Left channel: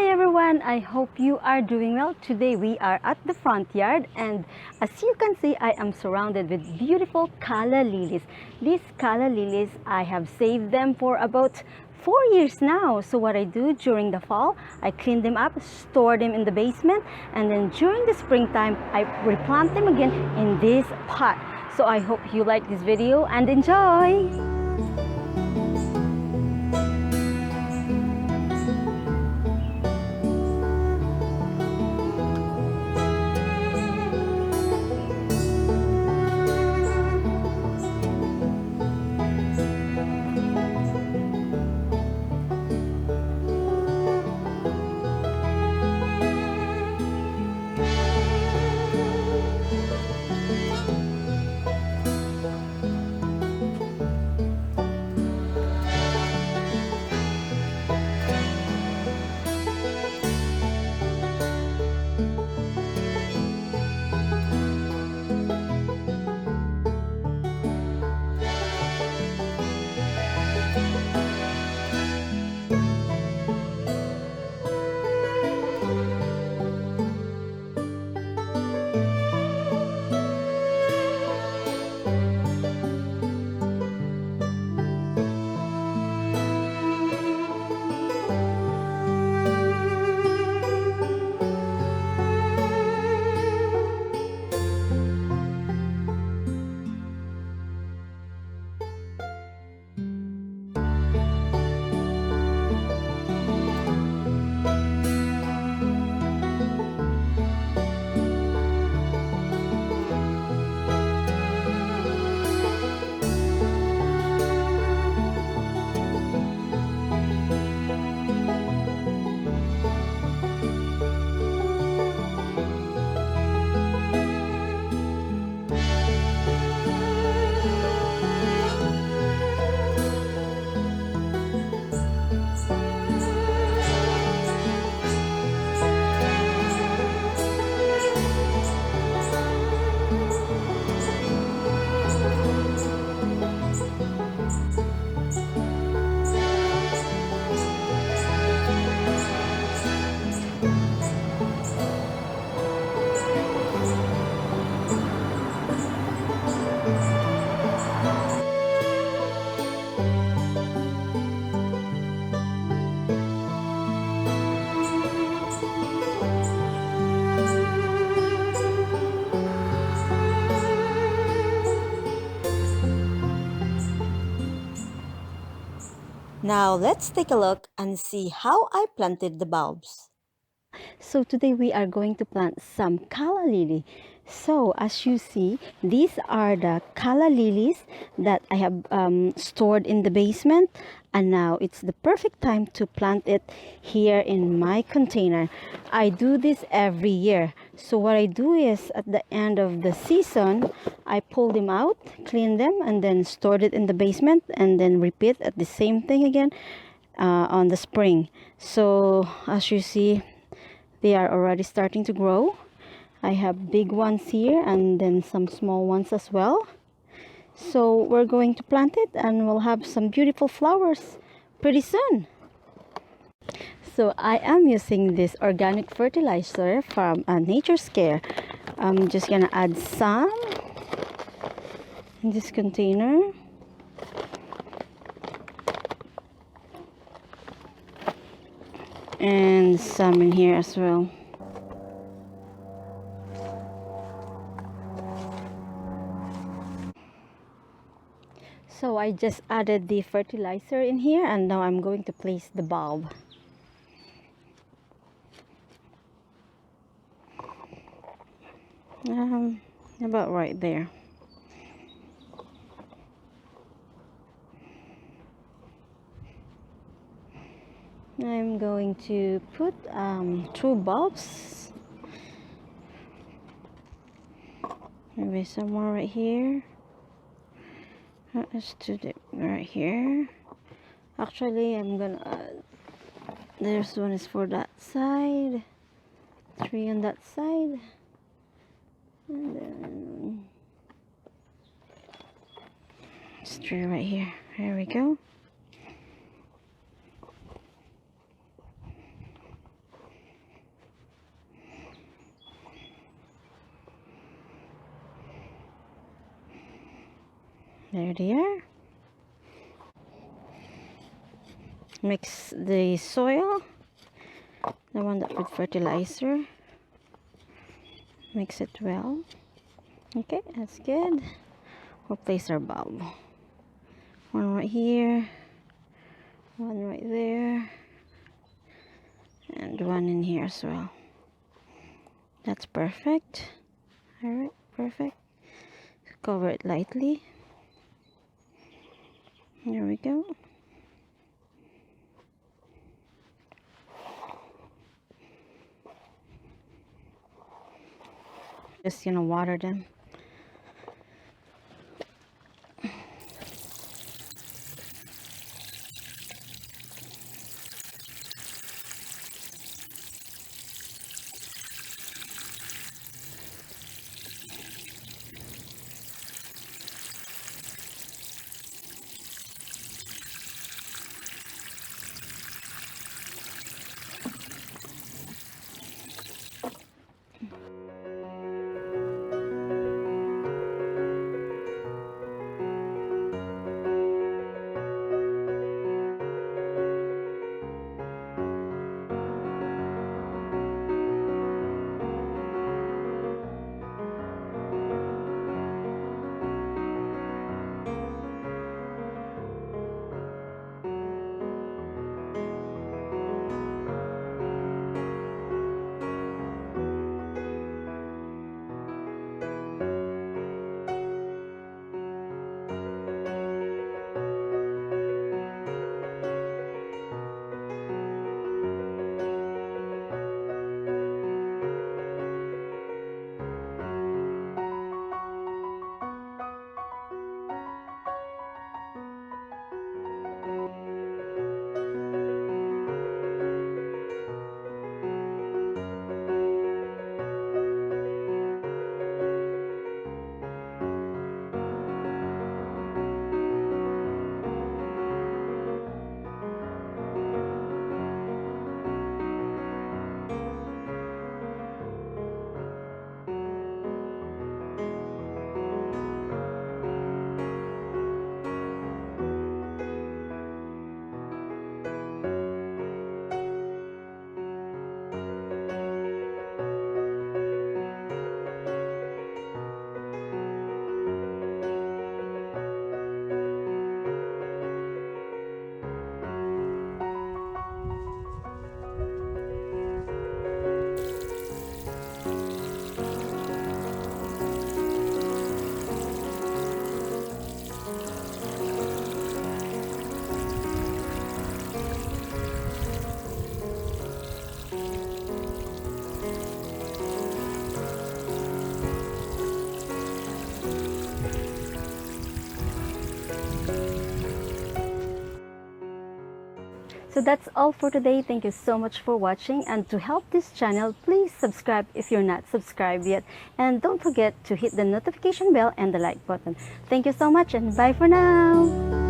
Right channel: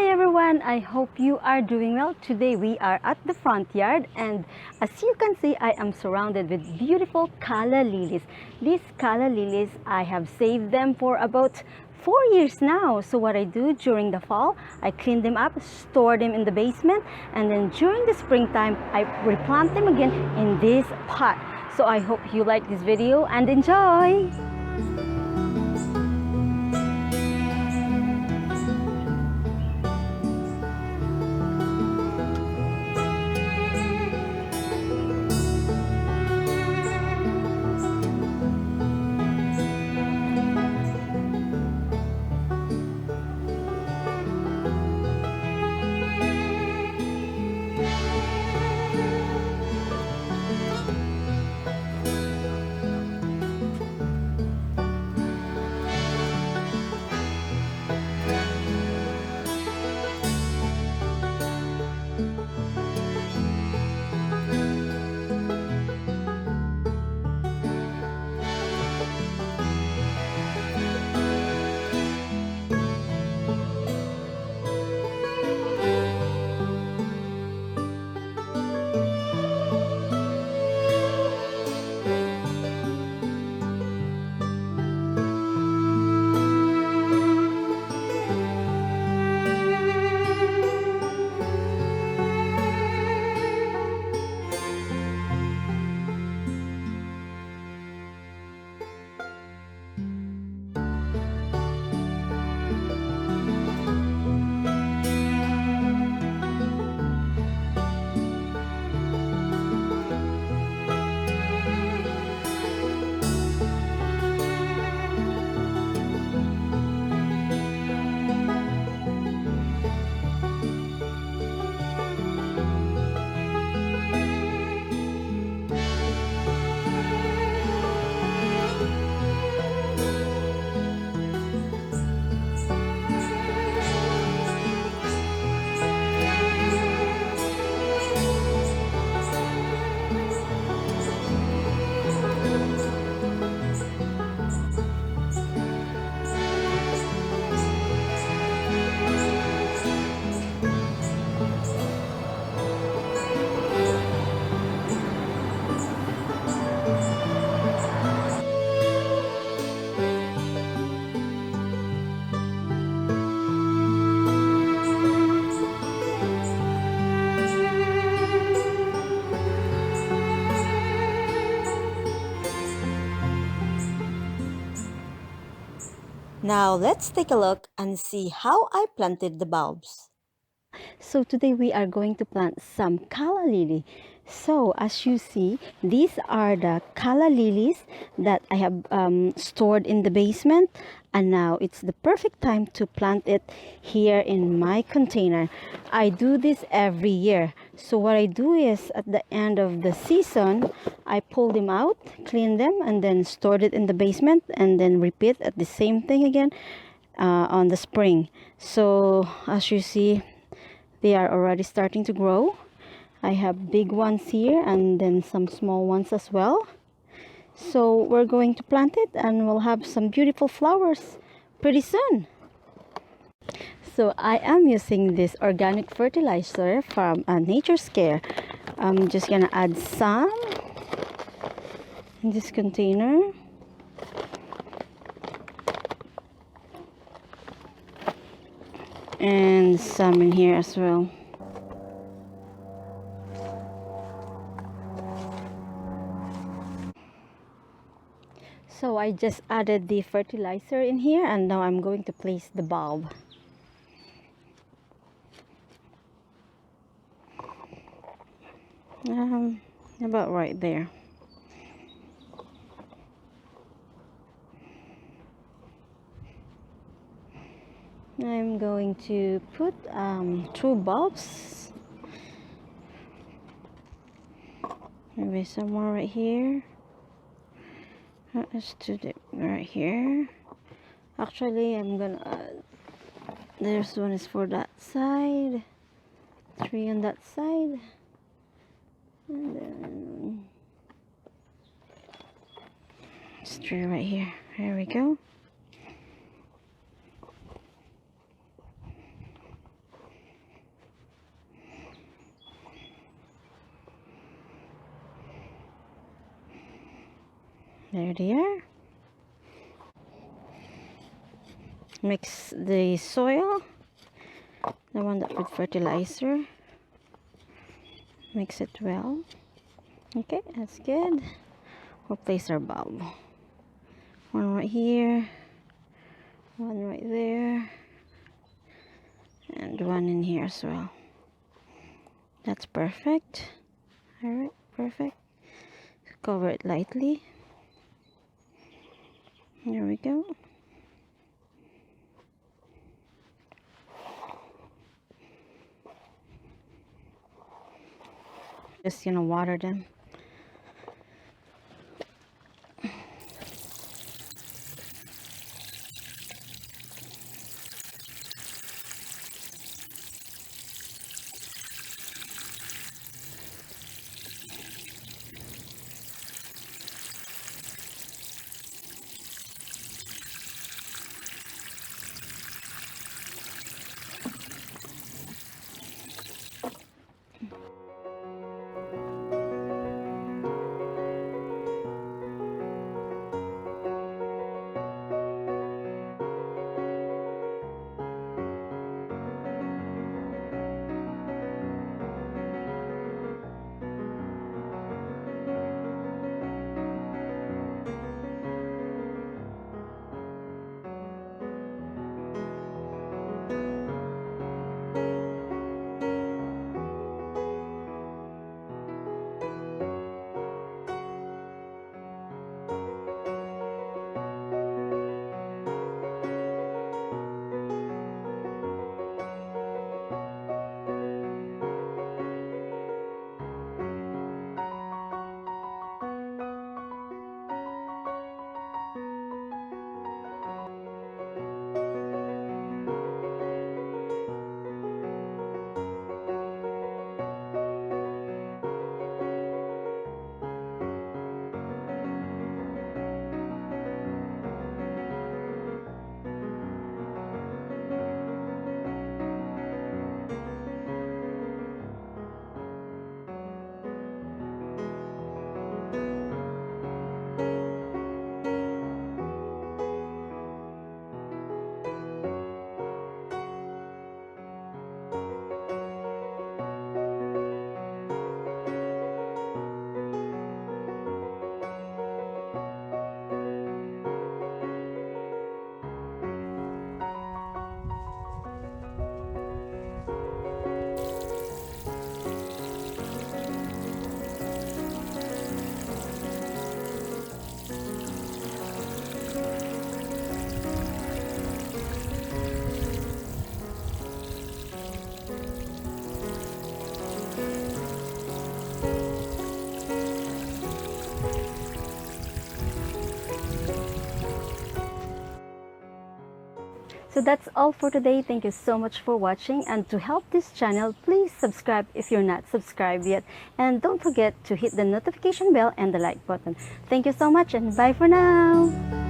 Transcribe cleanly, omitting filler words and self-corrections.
Hi everyone, I hope you are doing well. Today we are at the front yard, and as you can see, I am surrounded with beautiful calla lilies. These calla lilies, I have saved them for about 4 years now. So what I do during the fall, I clean them up, store them in the basement, and then during the springtime, I replant them again in this pot. So I hope you like this video and enjoy! Now let's take a look and see how I planted the bulbs. So today we are going to plant some calla lily. So as you see, these are the calla lilies that I have stored in the basement, and now it's the perfect time to plant it here in my container. I do this every year. So what I do is at the end of the season, I pull them out, clean them, and then stored it in the basement, and then repeat at the same thing again on the spring. So as you see, they are already starting to grow. I have big ones here and then some small ones as well. So we're going to plant it and we'll have some beautiful flowers pretty soon. So I am using this organic fertilizer from Nature's Care. I'm just gonna add some in this container. And some in here as well. So I just added the fertilizer in here, and now I'm going to place the bulb. About right there. I'm going to put 2 bulbs, maybe somewhere right here. Let's do it right here. Actually, I'm gonna add, there's one is for that side, 3 on that side, and then it's 3 right here. There we go. There they are. Mix the soil, the one that with fertilizer. Mix it well. Okay, that's good. We'll place our bulb. One right here, one right there, and one in here as well. That's perfect. Alright, perfect. Cover it lightly. There we go. Just, water them. So that's all for today. Thank you so much for watching, and to help this channel, please subscribe if you're not subscribed yet, and don't forget to hit the notification bell and the like button. Thank you so much, and bye for now.